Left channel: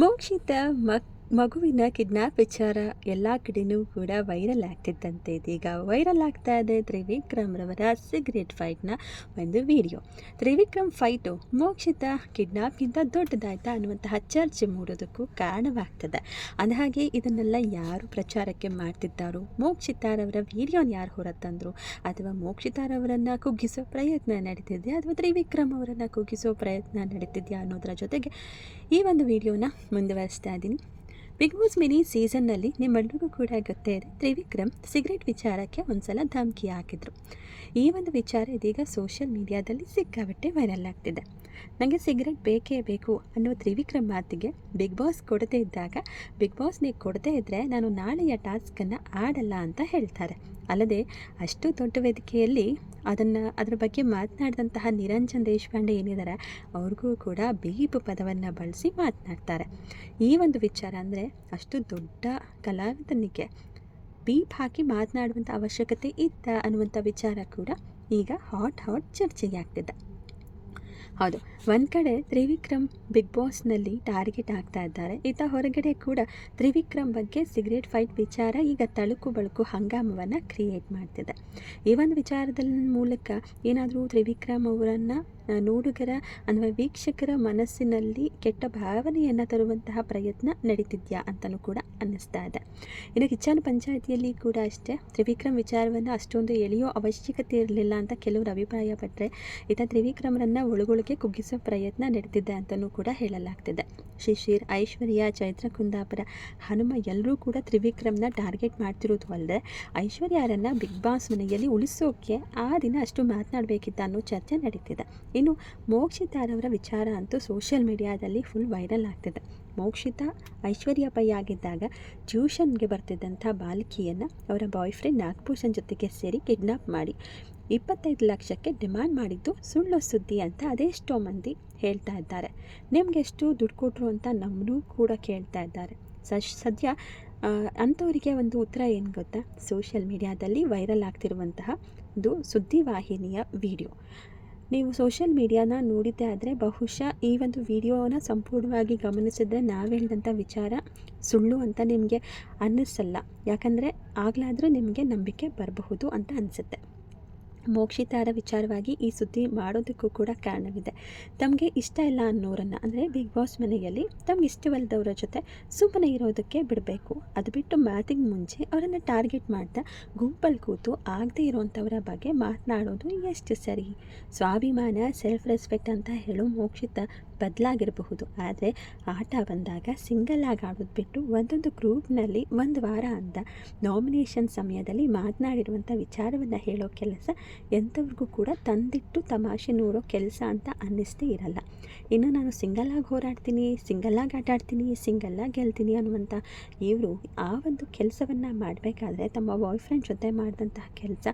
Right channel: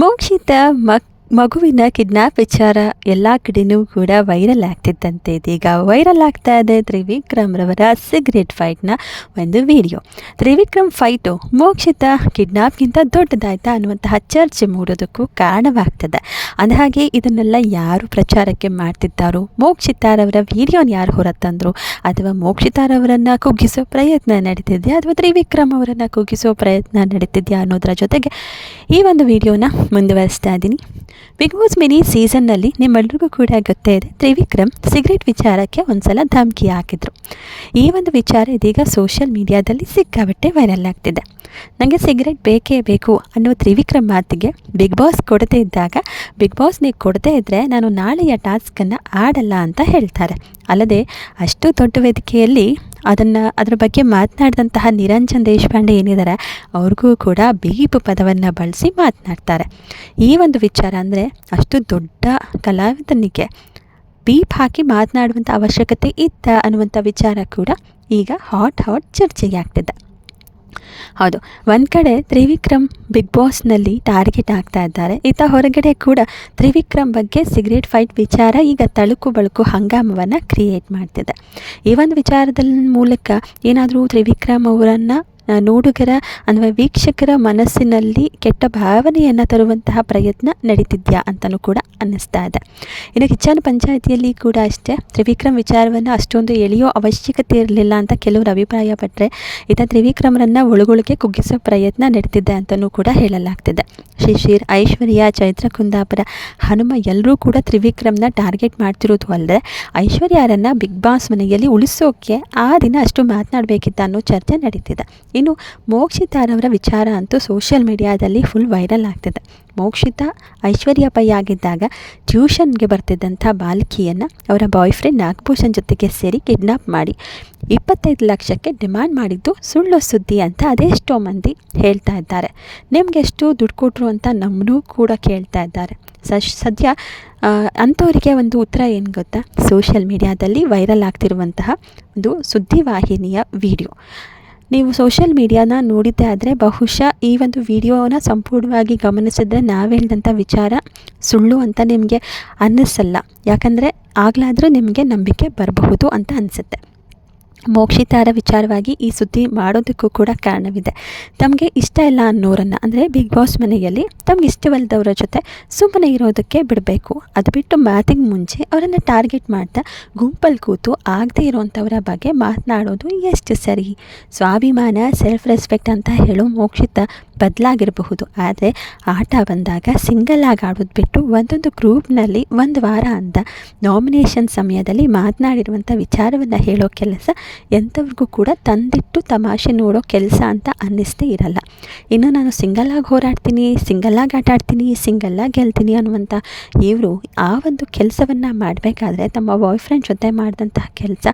ಮೋಕ್ಷಿತ ಮಕ್ ಮಗುವಿನ ಕಿಡ್ನಾಪ್ ವಿಚಾರ ಎಲ್ಲ ಕಡೆನೂ ಕೂಡ ವೈರಲ್ ಆಗ್ತಿದ್ದಂತೆ ಇದೀಗ ವೈರಲ್ ಆಗ್ತಾ ಇದೆ ತ್ರಿವಿಕ್ರಮ್ ರವರ ಸಿಗರೇಟ್ ಫೈಟ್ನ ಒಂದು ವಿಡಿಯೋ. ತ್ರಿವಿಕ್ರಮ್ ಫೈಟು ಮೋಕ್ಷಿತ ಕಿಡ್ನಾಪ್ಗಿಂತ ದೊಡ್ಡದಾಯ್ತಾ ಅನ್ನುವಂತಹ ಚರ್ಚೆ ಮೂಡೋದಕ್ಕೂ ಕಾರಣವಾಗ್ತದೆ. ಅಂದಹಾಗೆ ಇದನ್ನೆಲ್ಲ ಯಾರು ಪ್ರಚಾರಕ್ಕೆ ಮಾಡ್ತಿದ್ದಾರೋ, ಮೋಕ್ಷಿತಾರವರ ವಿಡಿಯೋನ ಯಾರು ಹೊರತಂದರು ಅಥವಾ ಮೋಕ್ಷಿತಾರವರನ್ನು ಕುಗ್ಗಿಸೋ ಪ್ರಯತ್ನ ನಡೀತಿದೆಯಾ ಅಥವಾ ತ್ರಿವಿಕ್ರಮ್ ಅವರನ್ನು ಕುಗ್ಗಿಸೋ ಪ್ರಯತ್ನ ನಡೀತಿದೆಯಾ ಅನ್ನೋದರ ಜೊತೆಗೆ ಈ ಒಂದು ವಿಡಿಯೋನ ಮುಂದುವರಿಸ್ತಾ ಇದ್ದೀನಿ. ಬಿಗ್ ಬಾಸ್ ಮಿನಿ ಸೀಸನ್ನಲ್ಲಿ ನಿಮ್ಮೆಲ್ರಿಗೂ ಕೂಡ ಗೊತ್ತೇ ಇದೆ. ತ್ರಿವಿಕ್ರಮ್ ಸಿಗರೇಟ್ ವಿಚಾರಕ್ಕೆ ಒಂದ್ಸಲ ಧಮಕಿ ಹಾಕಿದ್ರು ಈ ಒಂದು ವಿಚಾರ ಇದೀಗ ಸೋಷಿಯಲ್ ಮೀಡಿಯಾದಲ್ಲಿ ಸಿಕ್ಕಾಬಟ್ಟೆ ವೈರಲ್ ಆಗ್ತಿದೆ. ನನಗೆ ಸಿಗರೇಟ್ ಬೇಕೇ ಬೇಕು ಅನ್ನೋ ತ್ರಿವಿಕ್ರಮ್ ಮಾತಿಗೆ ಬಿಗ್ ಬಾಸ್ ಕೊಡದೇ ಇದ್ದಾಗ ಬಿಗ್ ಬಾಸ್ ನೀವು ಕೊಡದೇ ಇದ್ದರೆ ನಾನು ನಾಳೆಯ ಟಾಸ್ಕನ್ನು ಆಡಲ್ಲ ಅಂತ ಹೇಳ್ತಾರೆ. ಅಲ್ಲದೆ, ಅಷ್ಟು ದೊಡ್ಡ ವೇದಿಕೆಯಲ್ಲಿ ಅದನ್ನು ಅದರ ಬಗ್ಗೆ ಮಾತನಾಡಿದಂತಹ ನಿರಂಜನ್ ದೇಶಪಾಂಡೆ ಏನಿದ್ದಾರೆ ಅವ್ರಿಗೂ ಕೂಡ ಬೀಪ್ ಪದವನ್ನು ಬಳಸಿ ಮಾತನಾಡ್ತಾರೆ. ಈ ಒಂದು ವಿಚಾರ ಅಂದರೆ ಅಷ್ಟು ದೊಡ್ಡ ಕಲಾವಿದನಿಗೆ ಬೀಪ್ ಹಾಕಿ ಮಾತನಾಡುವಂಥ ಅವಶ್ಯಕತೆ ಇತ್ತ ಅನ್ನುವಂಥ ವಿಚಾರ ಕೂಡ ಈಗ ಹಾಟ್ ಹಾಟ್ ಚರ್ಚೆಗೆ ಆಗ್ತಿದೆ. ಹೌದು. ಒಂದು ಕಡೆ ತ್ರಿವಿಕ್ರಮ್ ಬಿಗ್ ಬಾಸ್ನಲ್ಲಿ ಟಾರ್ಗೆಟ್ ಆಗ್ತಾ ಇದ್ದಾರೆ. ಈತ ಹೊರಗಡೆ ಕೂಡ ತ್ರಿವಿಕ್ರಮ್ ಬಗ್ಗೆ ಸಿಗರೇಟ್ ಫೈಟ್ ವಿಚಾರ, ಈಗ ತಳುಕು ಬಳುಕು ಹಂಗಾಮವನ್ನು ಕ್ರಿಯೇಟ್ ಮಾಡ್ತಿದೆ. ಈ ಒಂದು ವಿಚಾರದ ಮೂಲಕ ಏನಾದರೂ ತ್ರಿವಿಕ್ರಮ್ ಅವರನ್ನು ನೋಡುಗರ ಅಥವಾ ವೀಕ್ಷಕರ ಮನಸ್ಸಿನಲ್ಲಿ ಕೆಟ್ಟ ಭಾವನೆಯನ್ನು ತರುವಂತಹ ಪ್ರಯತ್ನ ನಡೀತಿದ್ಯಾ ಅಂತಲೂ ಕೂಡ ಅನ್ನಿಸ್ತಾ ಇದೆ. ಇನ್ನು ಕಿಚ್ಚನ ಪಂಚಾಯಿತಿಯಲ್ಲಿ ಕೂಡ ಅಷ್ಟೇ, ತ್ರಿವಿಕ್ರಮ್ ವಿಚಾರವನ್ನು ಅಷ್ಟೊಂದು ಎಳೆಯೋ ಅವಶ್ಯಕತೆ ಇರಲಿಲ್ಲ ಅಂತ ಕೆಲವರು ಅಭಿಪ್ರಾಯಪಟ್ಟರೆ ಇತ ತ್ರಿವಿಕ್ರಮರನ್ನು ಒಳಗೊಳಗೆ ಕುಗ್ಗಿಸೋ ಪ್ರಯತ್ನ ನಡೀತಿದೆ ಅಂತಲೂ ಕೂಡ ಹೇಳಲಾಗ್ತಿದೆ. ಶಿಶಿರ್ ಐಶ್ವರ್ಯ ಚೈತ್ರ ಕುಂದಾಪುರ ಹನುಮ ಎಲ್ಲರೂ ಕೂಡ ತ್ರಿವಿಕ್ರಮ್ನ ಟಾರ್ಗೆಟ್ ಮಾಡ್ತಿರೋದು ಅಲ್ಲದೆ ಐಶ್ವರ್ಯರನ್ನು ಬಿಗ್ ಬಾಸ್ ಮನೆಯಲ್ಲಿ ಉಳಿಸೋಕೆ ಆ ದಿನ ಅಷ್ಟು ಮಾತನಾಡಬೇಕಿತ್ತ ಅನ್ನೋ ಚರ್ಚೆ ನಡೀತಿದೆ. ಇನ್ನು ಮೋಕ್ಷಿತಾರವರ ವಿಚಾರ ಅಂತೂ ಸೋಷಿಯಲ್ ಮೀಡಿಯಾದಲ್ಲಿ ಫುಲ್ ವೈರಲ್ ಆಗ್ತಿದೆ. ಮೋಕ್ಷಿತಾ ಐಶ್ವರ್ಯ ಪೈ ಆಗಿದ್ದಾಗ ಟ್ಯೂಷನ್ಗೆ ಬರ್ತಿದ್ದಂಥ ಬಾಲಕಿಯನ್ನು ಅವರ ಬಾಯ್ ಫ್ರೆಂಡ್ ನಾಗಭೂಷಣ್ ಜೊತೆಗೆ ಸೇರಿ ಕಿಡ್ನಾಪ್ ಮಾಡಿ ಇಪ್ಪತ್ತೈದು ಲಕ್ಷಕ್ಕೆ ಡಿಮ್ಯಾಂಡ್ ಮಾಡಿದ್ದು ಸುಳ್ಳು ಸುದ್ದಿ ಅಂತ ಅದೆಷ್ಟೋ ಮಂದಿ ಹೇಳ್ತಾ ಇದ್ದಾರೆ. ನಿಮ್ಗೆ ಎಷ್ಟು ದುಡ್ಡು ಕೊಟ್ಟರು ಅಂತ ನಮ್ಮನ್ನೂ ಕೂಡ ಕೇಳ್ತಾ ಇದ್ದಾರೆ. ಸದ್ಯ ಅಂಥವರಿಗೆ ಒಂದು ಉತ್ತರ ಏನು ಗೊತ್ತಾ? ಸೋಷಿಯಲ್ ಮೀಡಿಯಾದಲ್ಲಿ ವೈರಲ್ ಆಗ್ತಿರುವಂತಹ ಒಂದು ಸುದ್ದಿವಾಹಿನಿಯ ವಿಡಿಯೋ ನೀವು ಸೋಷಿಯಲ್ ಮೀಡಿಯಾನ ನೋಡಿದ್ದೇ ಆದರೆ ಬಹುಶಃ ಈ ಒಂದು ವಿಡಿಯೋನ ಸಂಪೂರ್ಣವಾಗಿ ಗಮನಿಸಿದ್ರೆ ನಾವು ಹೇಳಿದಂಥ ವಿಚಾರ ಸುಳ್ಳು ಅಂತ ನಿಮಗೆ ಅನ್ನಿಸಲ್ಲ. ಯಾಕಂದರೆ ಆಗಲಾದರೂ ನಿಮಗೆ ನಂಬಿಕೆ ಬರಬಹುದು ಅಂತ ಅನಿಸುತ್ತೆ. ಮೋಕ್ಷಿತಾರ ವಿಚಾರವಾಗಿ ಈ ಸುದ್ದಿ ಮಾಡೋದಕ್ಕೂ ಕೂಡ ಕಾರಣವಿದೆ. ತಮಗೆ ಇಷ್ಟ ಇಲ್ಲ ಅನ್ನೋರನ್ನು, ಅಂದರೆ ಬಿಗ್ ಬಾಸ್ ಮನೆಯಲ್ಲಿ ತಮ್ಗೆ ಇಷ್ಟವಲ್ಲದವರ ಜೊತೆ ಸುಮ್ಮನೆ ಇರೋದಕ್ಕೆ ಬಿಡಬೇಕು. ಅದು ಬಿಟ್ಟು ಮಾತಿಗೆ ಮುಂಚೆ ಅವರನ್ನು ಟಾರ್ಗೆಟ್ ಮಾಡ್ತಾ ಗುಂಪಲ್ಲಿ ಕೂತು ಆಗದೇ ಇರುವಂಥವರ ಬಗ್ಗೆ ಮಾತನಾಡೋದು ಎಷ್ಟು ಸರಿ. ಸ್ವಾಭಿಮಾನ ಸೆಲ್ಫ್ ರೆಸ್ಪೆಕ್ಟ್ ಅಂತ ಹೇಳೋ ಮೋಕ್ಷಿತ ಬದಲಾಗಿರಬಹುದು. ಆದರೆ ಆಟ ಬಂದಾಗ ಸಿಂಗಲ್ ಆಗಿ ಆಡೋದು ಬಿಟ್ಟು ಒಂದೊಂದು ಗ್ರೂಪ್ನಲ್ಲಿ ಒಂದು ವಾರ ಅಂತ ನಾಮಿನೇಷನ್ ಸಮಯದಲ್ಲಿ ಮಾತನಾಡಿರುವಂಥ ವಿಚಾರವನ್ನು ಹೇಳೋ ಕೆಲಸ ಎಂಥವ್ರಿಗೂ ಕೂಡ ತಂದಿಟ್ಟು ತಮಾಷೆ ನೋಡೋ ಕೆಲಸ ಅಂತ ಅನ್ನಿಸ್ತೇ ಇರಲ್ಲ. ಇನ್ನು ನಾನು ಸಿಂಗಲ್ ಆಗಿ ಹೋರಾಡ್ತೀನಿ ಸಿಂಗಲ್ಲಾಗಿ ಆಟ ಆಡ್ತೀನಿ ಸಿಂಗಲ್ಲಾಗಿ ಗೆಲ್ತೀನಿ ಅನ್ನುವಂಥ ಇವರು ಆ ಒಂದು ಕೆಲಸವನ್ನು ಮಾಡಬೇಕಾದ್ರೆ ತಮ್ಮ ಬಾಯ್ ಫ್ರೆಂಡ್ ಜೊತೆ ಮಾಡಿದಂತಹ ಕೆಲಸ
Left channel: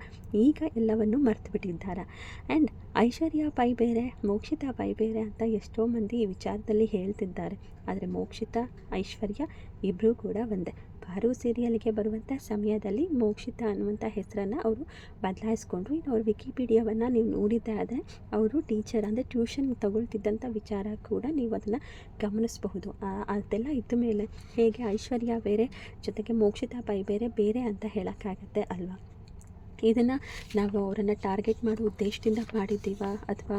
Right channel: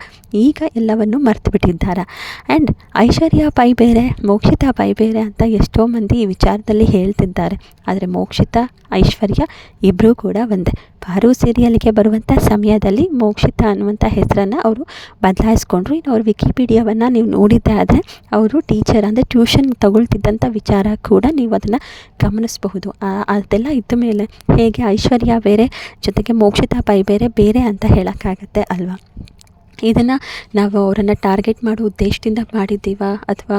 ಈಗ ಎಲ್ಲವನ್ನು ಮರೆತು ಬಿಟ್ಟಿದ್ದಾರೆ ಆ್ಯಂಡ್ ಐಶ್ವರ್ಯ ಪೈ ಬೇರೆ, ಮೋಕ್ಷಿತಾ ಪೈ ಬೇರೆ ಅಂತ ಎಷ್ಟೋ ಮಂದಿ ಈ ವಿಚಾರದಲ್ಲಿ ಹೇಳ್ತಿದ್ದಾರೆ. ಆದರೆ ಮೋಕ್ಷಿತ, ಐಶ್ವರ್ಯ ಇಬ್ಬರೂ ಕೂಡ ಒಂದೇ. ಪಾರು ಸೀರಿಯಲ್ಗೆ ಬರುವಂಥ ಸಮಯದಲ್ಲಿ ಮೋಕ್ಷಿತ ಅನ್ನುವಂಥ ಹೆಸರನ್ನು ಅವರು ಬದಲಾಯಿಸ್ಕೊಂಡ್ರು. ಇನ್ನು ಅವರು ವಿಕಿಪೀಡಿಯಾವನ್ನು ನೀವು ನೋಡಿದ್ದೆ ಆದರೆ ಅವರು ಟೀಚರ್ ಅಂದರೆ ಟ್ಯೂಷನ್ ತಗೊಳ್ತಿದ್ದಂಥ ವಿಚಾರ ಕೂಡ ನೀವು ಅದನ್ನು ಗಮನಿಸಬಹುದು. ಅದೆಲ್ಲ ಇದ್ದ ಮೇಲೆ ಹೇಗೆ ಐಶ್ವರ್ಯ ಬೇರೆ ಜೊತೆಗೆ ಮೋಕ್ಷಿತ ಪೈ ಬೇರೆ ಬೇರೆ ಅಂತ ಹೇಳೋಕ್ಕಾಗತ್ತೆ ಅಲ್ವಾ? ಇದನ್ನು ನಾವು ಅವರನ್ನು ಟಾರ್ಗೆಟ್ ಮಾಡೋ ಉದ್ದೇಶದಿಂದ ಮಾಡಿದ್ದೀವ? ಅಥವಾ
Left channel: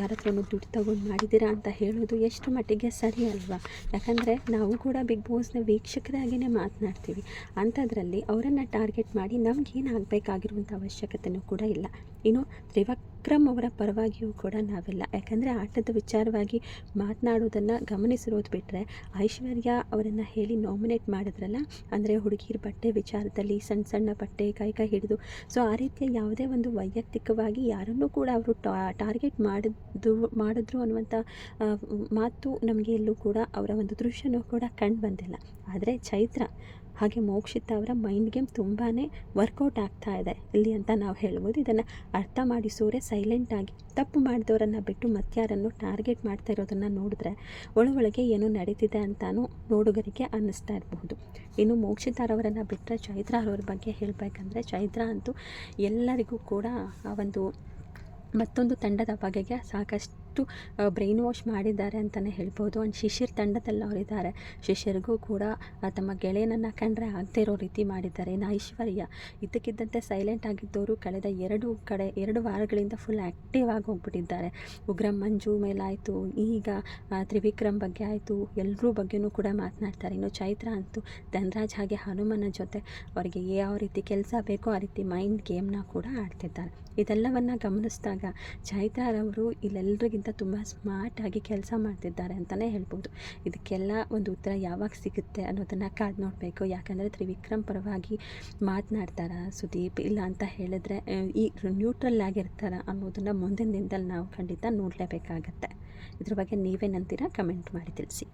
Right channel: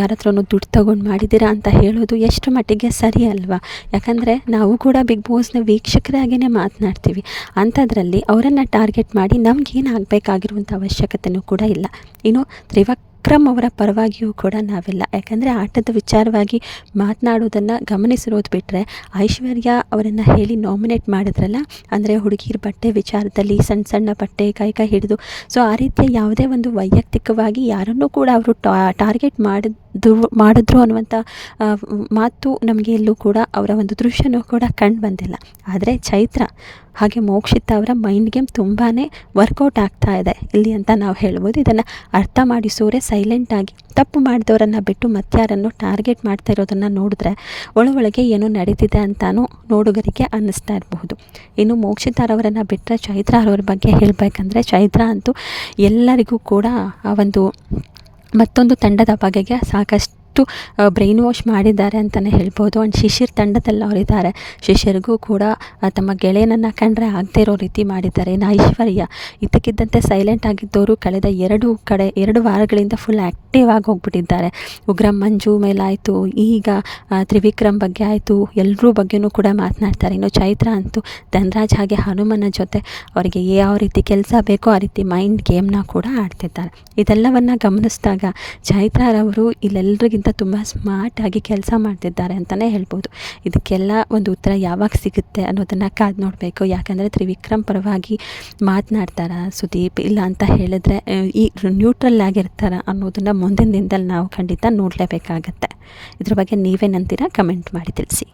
ಯಾರ ಹತ್ರನೂ ದುಡ್ಡು ತಗೊಂಡು ಮಾಡಿದ್ದೀರಾ ಅಂತ ಹೇಳೋದು ಎಷ್ಟು ಮಟ್ಟಿಗೆ ಸರಿ ಅಲ್ವಾ? ಯಾಕಂದರೆ ನಾವು ಕೂಡ ಬಿಗ್ ಬಾಸ್ನ ವೀಕ್ಷಕರಾಗಿಯೇ ಮಾತನಾಡ್ತೀವಿ. ಅಂಥದ್ರಲ್ಲಿ ಅವರನ್ನು ಟಾರ್ಗೆಟ್ ಮಾಡಿ ನಮಗೇನು ಆಗಬೇಕಾಗಿರುವಂಥ ಅವಶ್ಯಕತೆಯೂ ಕೂಡ ಇಲ್ಲ. ಇನ್ನು ತ್ರಿವಕ್ ವಿಕ್ರಮ್ ಅವರ ಪರವಾಗಿಯೂ ಕೂಡ ನಾವಿಲ್ಲ. ಯಾಕಂದರೆ ಆಟದ ವಿಚಾರವಾಗಿ ಮಾತನಾಡೋದನ್ನು ಗಮನಿಸಿರೋದು ಬಿಟ್ಟರೆ ಐಶ್ವರ್ಯ ಅವರನ್ನು ಹೇಳಿ ನಾಮಿನೇಟ್ ಮಾಡಿದ್ರಲ್ಲ, ಅಂದರೆ ಹುಡುಗಿರ ಬಟ್ಟೆ ವಿಚಾರದಲ್ಲಿ ಸಣ್ಣ ಸಣ್ಣ ಬಟ್ಟೆ ಕೈ ಕೈ ಹಿಡಿದು. ಸೊ ಆ ರೀತಿಯ ಯಾವುದೇ ಒಂದು ವೈಯಕ್ತಿಕವಾಗಿ ಯಾರನ್ನೂ ಕೂಡ ಅವರು ಟಾರ್ಗೆಟ್ ಮಾಡಿದ್ರು ಮಾಡಿದ್ರು ಅನ್ನುವಂಥ ಮಾತು ನಮಗೆ ಎಲ್ಲೂ ಕೂಡ ಅವರ ಒಂದು ದೃಶ್ಯನೂ ಕೂಡ ಕಂಡು ಬಂದಿಲ್ಲ. ಆದರೆ ಚೈತ್ರ ಹಾಗೆ ಮೋಕ್ಷಿತ ಅವರ ಮೈಂಡ್ ಗೇಮ್ ತುಂಬಾ ವರ್ಕೌಟ್ ಆಗ್ತಾ ಇದೆ. ಇಲ್ಲಿ ಅಂತ ನಾವು ಹೇಳ್ಬೋದು. ಇದನ್ನು ಅರ್ಥ ಮಾಡಿಸೋರೆ ಸೈಲೆಂಟಾಗಿ ತಪ್ಪು ಮಾಡಿದವರನ್ನು ಬಿಟ್ಟು ಮತ್ತಾರನ್ನು ಟಾರ್ಗೆಟ್ ಮಾಡ್ತಾ ಇರೋದನ್ನು ನೋಡಿದ್ರೆ ಒಳಗೊಳಗೆ ಏನು ನಡೀತಿದೆ ಅಂತಲೂ ನೋಡುಗರಿಗೆ ಅನ್ನಿಸ್ತಾ ಇರಬಹುದು. ಇನ್ನು ಮೋಕ್ಷಿತಾರವರನ್ನು ಬಿಟ್ಟರೆ ಚೈತ್ರ ಅವರ ಬಗ್ಗೆ ಹೇಳಬೇಕಂದ್ರೆ ಚೈತ್ರ ಅಂತೂ ಎಲ್ಲರಿಗೂ ಕೂಡ ಆ ಒಂದು ಮತ್ತೊಂದು ತಂಡದ ಬಗೆಗೆ ಸಾಕಷ್ಟು ಅಷ್ಟು ಬ್ರೈನ್ ವಾಶ್ ಮಾಡಿದ್ದಾರೆ ಅಂತಲೇ ಹೇಳ್ಬೋದು. ಆ್ಯಂಡ್ ಶಿಶಿರ್ ತಂಡದಲ್ಲಿ ಅವರಿದ್ದಾರೆ. ಶಿಶಿರ್ಗೂ ಕೂಡ ತಮ್ಮ ಗೆಳೆಯನನ್ನು ಕಂಡ್ರೆ ಆಗದೇ ಇರೋ ರೀತಿ ಮಾಡಿದ್ದಾರೆ. ಇನ್ನು ಐಶ್ವರ್ಯ, ಇದ್ದಕ್ಕಿದ್ದಂತೆ ಸೈಲೆಂಟ್ ಆಗಿದ್ದವರು ಕಳೆದ ಎರಡು ಕಡೆ, ಎರಡು ವಾರಗಳಿಂದ ಫುಲ್ ಆ್ಯಕ್ಟಿವ್ ಆಗಿ ಹೋಗ್ಬಿಟ್ಟಿದ್ದಾರೆ. ಉಗ್ರ ಮಂಜು ಮೇಲಾಯಿತು ಈಗ ತ್ರಿವಿಕ್ರಮ್ ಬಗ್ಗೆ ಆಯಿತು. ಎಲ್ಲರೂ ಬಗ್ಗೆನೂ ಕೂಡ ಮಾತನಾಡ್ತಾರೆ. ಇನ್ನು ಚೈತ್ರ ಅಂತೂ ಧನ್ರಾಜ್ ಹಾಗೆ ಹನುಮನ ಜೊತೆ ಅವರಿಗೆ ಯಾವ ರೀತಿ ಕೆಲಸ ಬೇಕೋ ಆ ರೀತಿ ಮೈಂಡ್ ಗೇಮ್ನ ಕೂಡ ಆಡ್ತಿದ್ದಾರೆ. ಇದೆಲ್ಲವನ್ನು ಗಮನಿಸಿದಾಗ ಚೈತ್ರಾರವರು ಇಲ್ಲೆಲ್ಲರಿಗಿಂತ ತುಂಬ ಸ್ಮಾರ್ಟಾಗಿ ಕೆಲಸ ಮಾಡ್ತಿದ್ದಾರೆ ಅಂತಲೇ ಹೇಳ್ಬೋದು. ಇದಕ್ಕೆಲ್ಲ ಒಂದು ಉತ್ತರ ಯಾವಾಗ ಸಿಗುತ್ತೆ ಅನ್ನೋದನ್ನು ಕಾದು ನೋಡಬೇಕು. ಯಾಕಂದರೆ ತ್ರಿವಿಕ್ರಮ್ ಪರವಾಗಿ ಮಾತನಾಡ್ತಾರ ಸುದೀಪ್. ಇಲ್ಲ ಅಂತ ಹೇಳಿದ್ರೆ ಈ ನ್ಯೂಟ್ರಲ್ ಆಗಿರ್ತಾರ ಅನ್ನೋದನ್ನು ಮುಂದಿನ ದಿನದಲ್ಲಿ ನಾವು ಖಂಡಿತ ನೋಡಲೇಬೇಕಾಗತ್ತೆ. ಇದ್ರ ಬಗ್ಗೆ ನೀವೇನಂತೀರಾ? ಕಮೆಂಟ್ ಮಾಡಿ ತಿಳಿಸಿ.